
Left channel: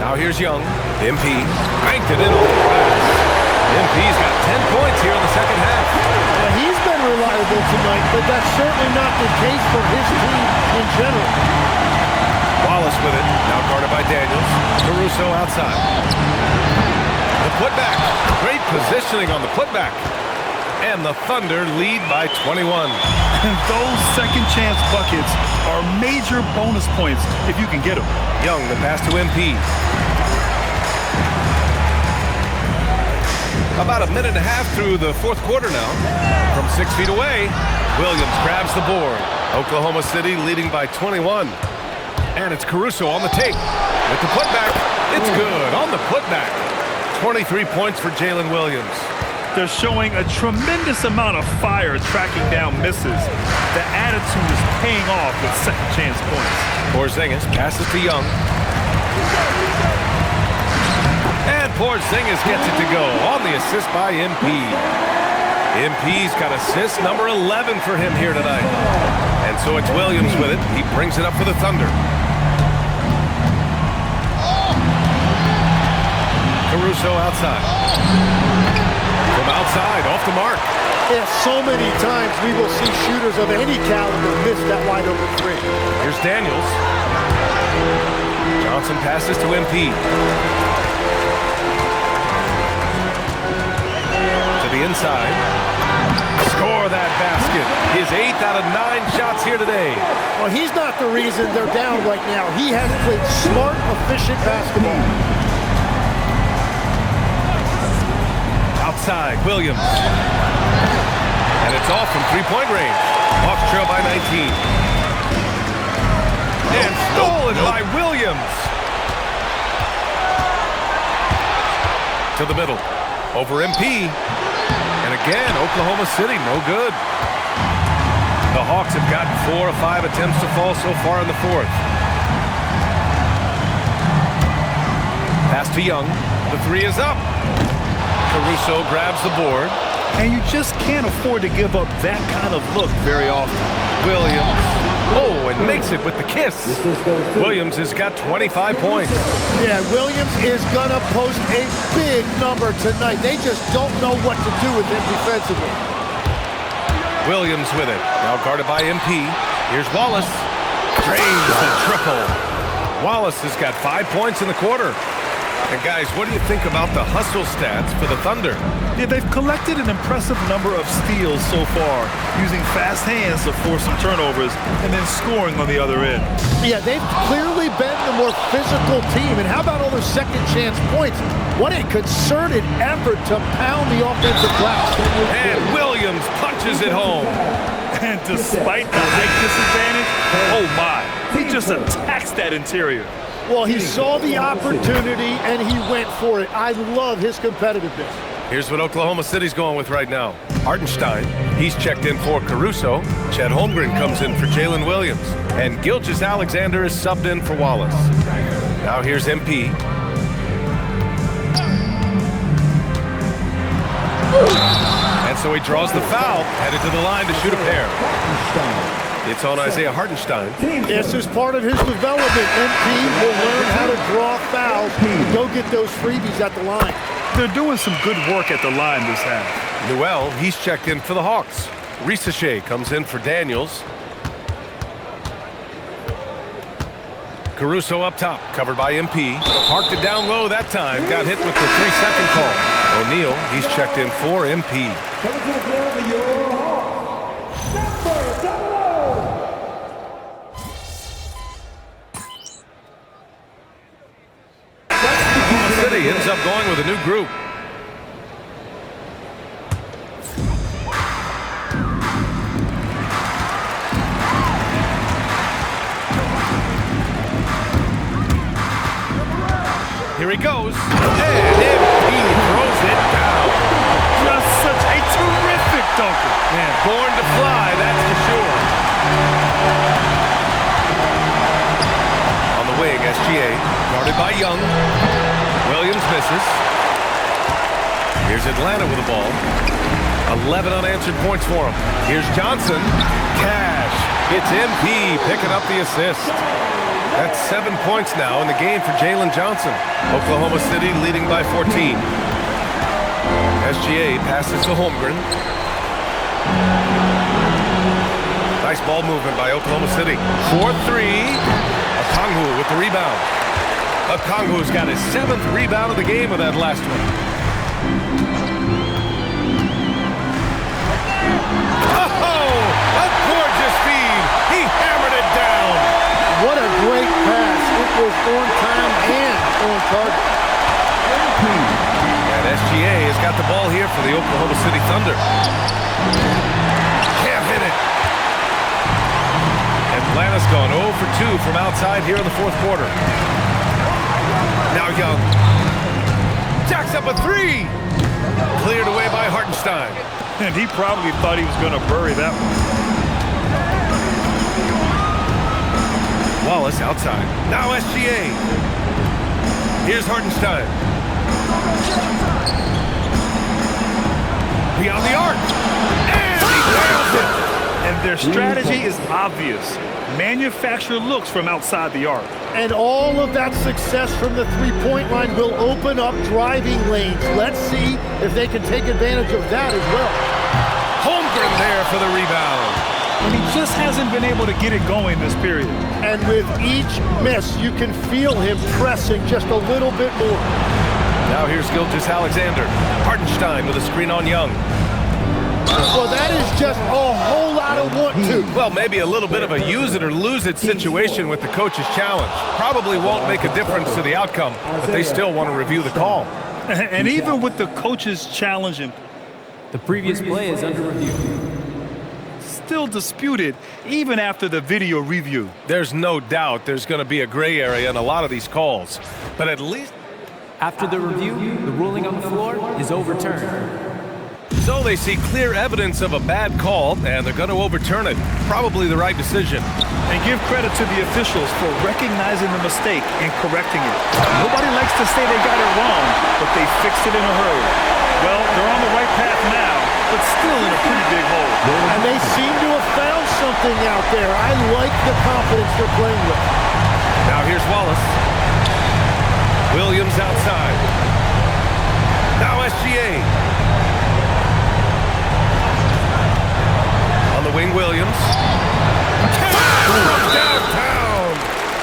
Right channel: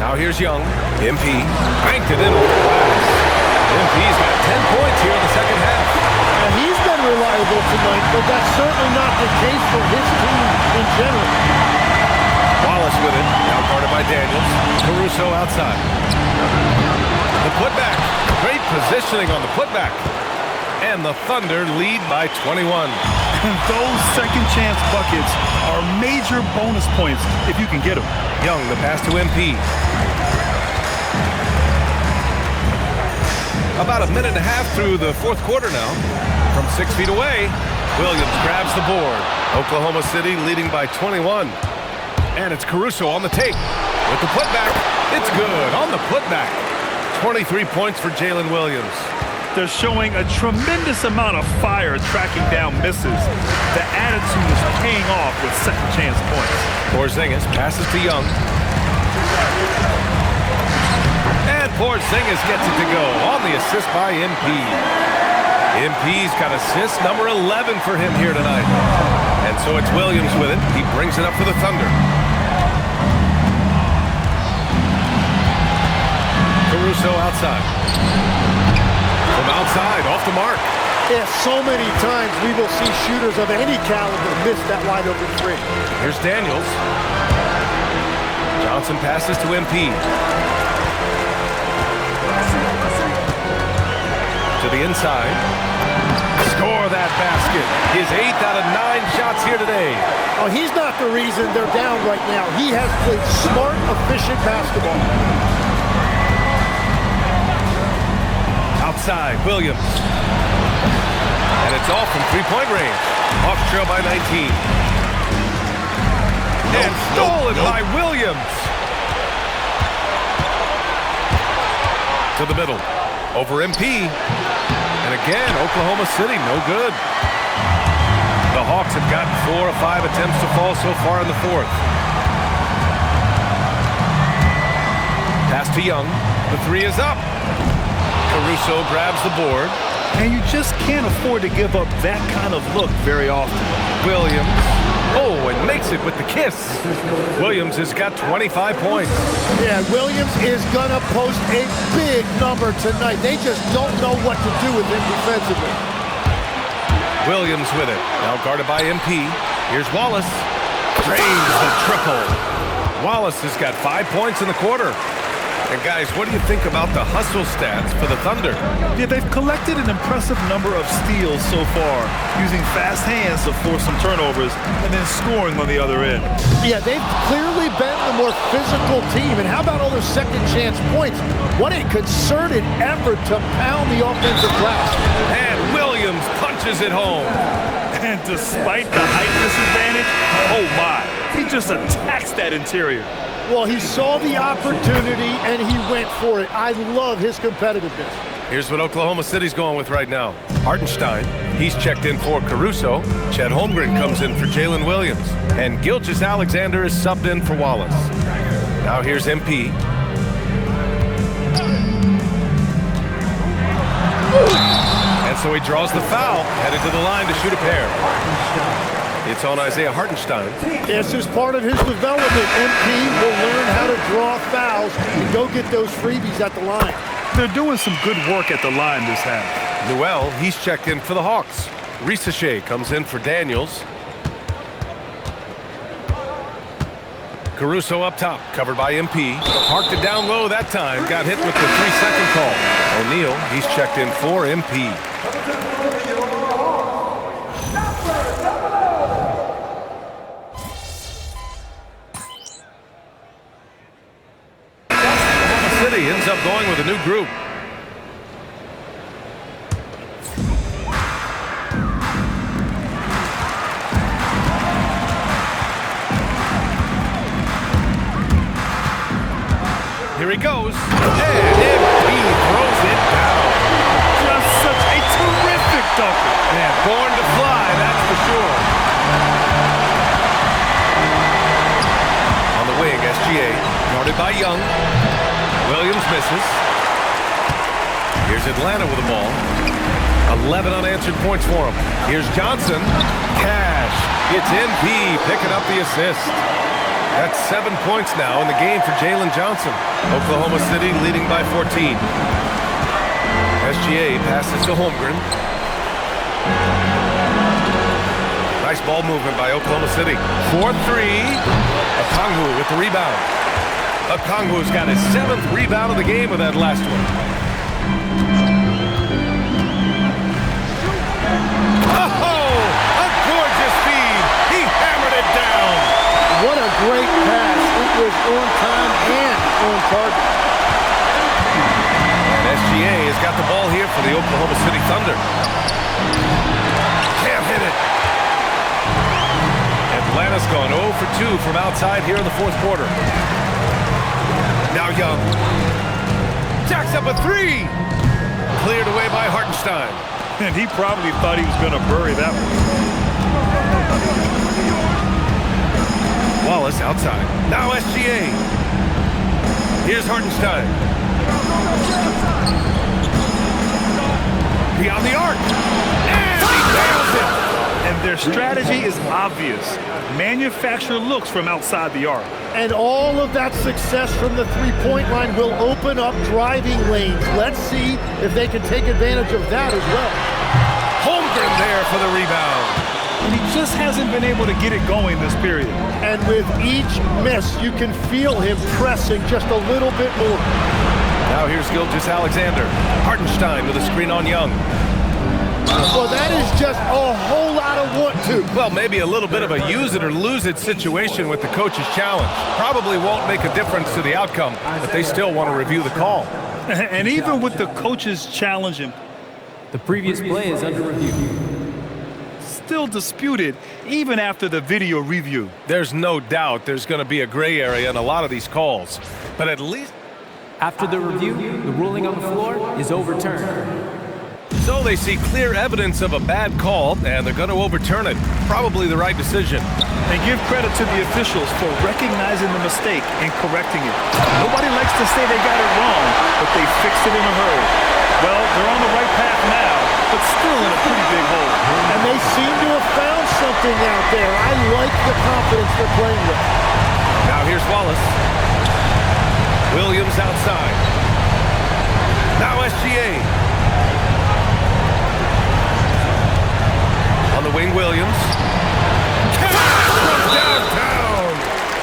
Now here's Young. MP banked it in on the glass. MP's got 10 points here in the second half. Now, he's been reliable tonight, but that's certainly not the case for his team in general. Wallace with it, now guarded by Daniels. Caruso outside. The putback. Great positioning on the putback. And the Thunder lead by 21. And those second chance buckets are major bonus points if you can get them. Young, the pass to MP. About a minute and a half through the fourth quarter now. From 6 feet away, Williams grabs the board. Oklahoma City leading by 21. And it's Caruso on the take. With the putback, it's good on the putback. 23 points for Jalen Williams. They're showing a tremendous amount of fire tracking down misses. The attitude is paying off with second chance points. Porzingis passes to Young. And Porzingis gets it to go on the assist by MP. MP's got assist number 11 for him here tonight. And so it's Williams with it. He brings it up for the Thunder. Caruso outside. From outside, off the mark. Yeah, so many times we will see shooters of any caliber miss that wide open 3. Here's Daniels. Johnson passes to MP. To the inside. Score that basket. His 8th out of 9 shots here today. Well, he's not the reason they're down right now. He has played smart, efficient basketball. Outside, Williams. And it's off from three-point range. Hawks trail by 19. And stolen by Williams. To the middle. Over MP. And again, Oklahoma City, no good. The Hawks have gotten 4 of 5 attempts to fall so far in the fourth. Pass to Young. The three is up. Caruso grabs the board. And you just can't afford to give up that kind of look very often. Williams. Oh, and makes it with the kiss. Williams has got 25 points. Yeah, Williams is going to post a big number tonight. They just don't know what to do with him defensively. Williams with it. Now guarded by MP. Here's Wallace. Drains the triple. Wallace has got 5 points in the quarter. And guys, what do you think about the hustle stats for the Thunder? Yeah, they've collected an impressive number of steals so far, using fast hands to force some turnovers and then scoring on the other end. Yeah, they've clearly been the more physical team. And how about all those second chance points? What a concerted effort to pound the offensive glass. And Williams punches it home. And despite the height disadvantage, oh my, he just attacks that interior. Well, he saw the opportunity, and he went for it. I love his competitiveness. Here's what Oklahoma City's going with right now. Hartenstein, he's checked in for Caruso. Chet Holmgren comes in for Jalen Williams. And Gilgeous-Alexander is subbed in for Wallace. Now here's MP. And so he draws the foul, headed to the line to shoot a pair. It's on Isaiah Hartenstein. This is part of his development. MP will learn how to draw fouls and go get those freebies at the line. They're doing some good work at the line this half. Newell, he's checked in for the Hawks. Risache comes in for Daniels. Caruso up top, covered by MP. Parked it down low that time, got hit with the 3-second call. O'Neal, he's checked in for MP. City ends up going with a new group. Here he goes, and MP throws it down. Just such a terrific dunker. Man, born to fly, that's for sure. On the wing, SGA, guarded by Young. Williams misses. Here's Atlanta with the ball. 11 unanswered points for him. Here's Johnson. Cash. It's MP picking up the assist. That's 7 points now in the game for Jalen Johnson. Oklahoma City leading by 14. SGA passes to Holmgren. Nice ball movement by Oklahoma City. 4-3. Okongwu with the rebound. Okongwu's got his 7th rebound of the game with that last one. Oh, a gorgeous feed. He hammered it down. What a great pass. It was on time and on target. And SGA has got the ball here for the Oklahoma City Thunder. Can't hit it. Atlanta's gone 0 for 2 from outside here in the fourth quarter. Now Young. Jacks up a 3. Cleared away by Hartenstein. And he probably thought he was going to bury that one. Wallace outside. Now SGA. Here's Hartenstein. Beyond the arc. And he nails it. And their strategy is obvious. Manufacture looks from outside the arc. And all of that success from the three-point line will open up driving lanes. Let's see if they can take advantage of that as well. Holmgren there for the rebound. And he just hasn't been able to get it going this period. And with each miss, you can feel him pressing just a little bit more. Now here's Gilgeous-Alexander. Hartenstein with a screen on Young. Well, that is just a whole lot of want to. Well, maybe a little bit of a use it or lose it situation with the coach's challenge. Probably won't make a difference to the outcome, but they still want to review the call. And even with the coach's challenge, the previous play is under review. Still disputed even after the video review. There's no doubt there's going to be a gray area in a lot of these calls, but at least after the review, the ruling on the floor is overturned. So they see clear evidence of a bad call, and they're going to overturn it. Probably the right decision. And give credit to the officials for recognizing the mistake and correcting it. Nobody likes to say they got it wrong, but they fixed it in a hurry. Well, they're on the right path now, but still in a pretty big hole. And they seem to have found something out there. I like the confidence they're playing with. Now here's Wallace. Williams outside. Now SGA. On the wing, Williams. From downtown.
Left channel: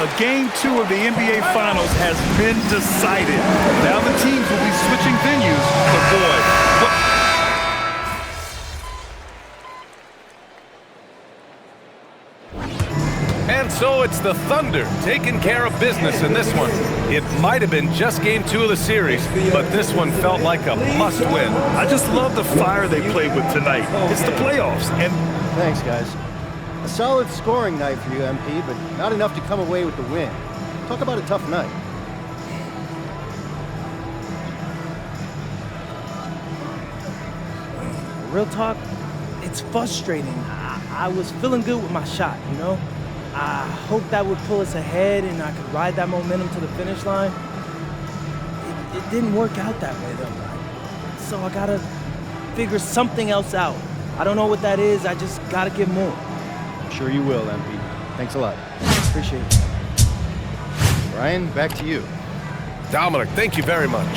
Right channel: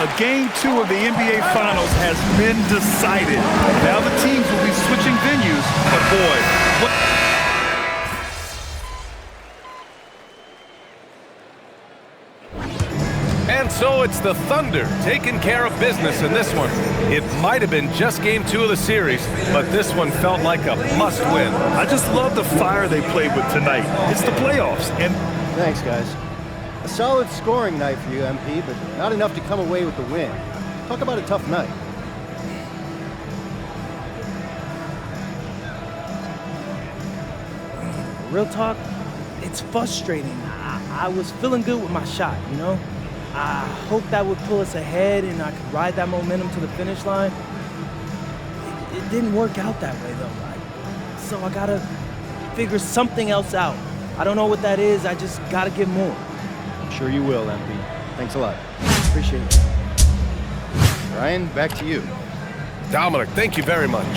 A Game 2 of the NBA Finals has been decided. Now the teams will be switching venues, but boy, what... And so it's the Thunder taking care of business in this one. It might have been just Game 2 of the series, but this one felt like a must-win. I just love the fire they played with tonight. It's the playoffs, and... Thanks, guys. A solid scoring night for you, MP, but not enough to come away with the win. Talk about a tough night. Real talk, it's frustrating. I was feeling good with my shot, you know? I hoped that would pull us ahead and I could ride that momentum to the finish line. It didn't work out that way, though. So I gotta figure something else out. I don't know what that is, I just gotta get more. I'm sure you will, MP. Thanks a lot. Appreciate it. Ryan, back to you. Dominic, thank you very much.